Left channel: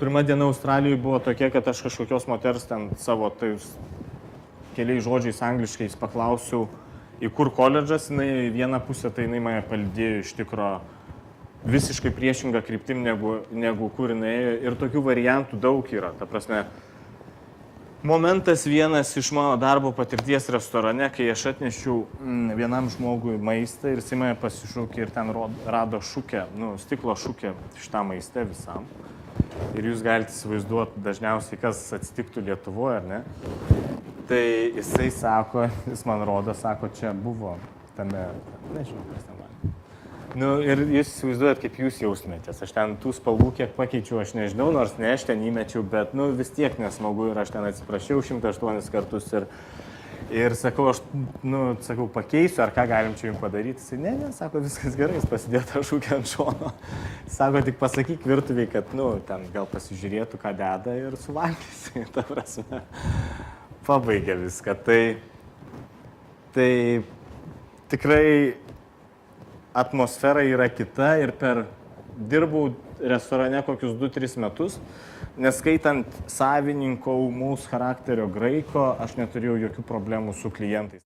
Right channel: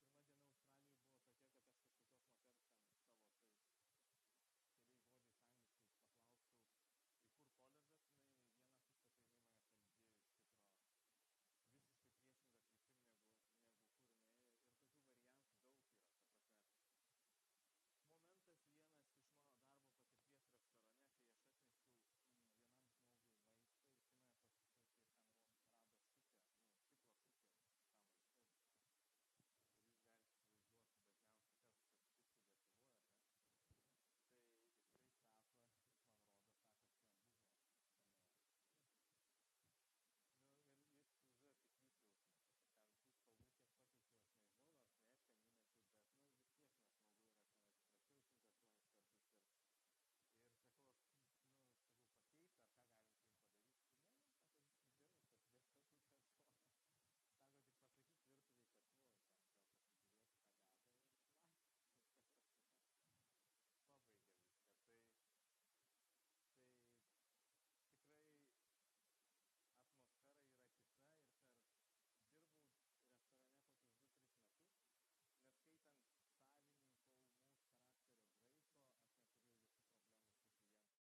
pirma diena Australijoje buvo tokia, kad aš kažkokios moters ten savo keliais žodžiais angliškais paklausiau, į kur koledžas, jinai vieną pusę, tai jinai mane palydėjo iš tikro visiškai priešingą kryptim negu kur jinai ėjo. Ir tokių variantų daug yra. Ta prasme, momentas vienas iš mano darbo patirties restorane, kai aš atnešiau vienam žmogui maistą ir jis mane pasišaukė ir ten rado šukę, stiklo šukę šitam maiste visam. Ir jūs galite įsivaizduoti dažniausiai, kas atsitiktų Lietuvoje, ar ne? Tai jisai sako, jis man rodo, sako, čia buvo tame, nežinau, kas ten man. Ir jūs įsivaizduojat, kaip jūs jausmėtės. Aš ten tų spalvų kiek pakeičiau, aš nežinau, nors ne aš ten įmečiau, bet vis tiek nesmagu ir aš ten atsiprašiau 108 kartus ir sakau, sakau, pakeisiu, ar ką galim čia jums padaryti. Jis, ne, sako, viskas gerai, jis pasidėjo tą šūkę ant šono. Sako, tik pasakyk virtuviai, kad, ten gal pasižiūrėtų, ką deda ir suvalgysi, ta prasme. Pabaigė viską. Tai tikrai atmosfera yra kita ir dirbau restorane kokius 2-3 metus, neskaitant savininko ūmaus charakterio graiko, aš neturėjau jokių problemų su klientais.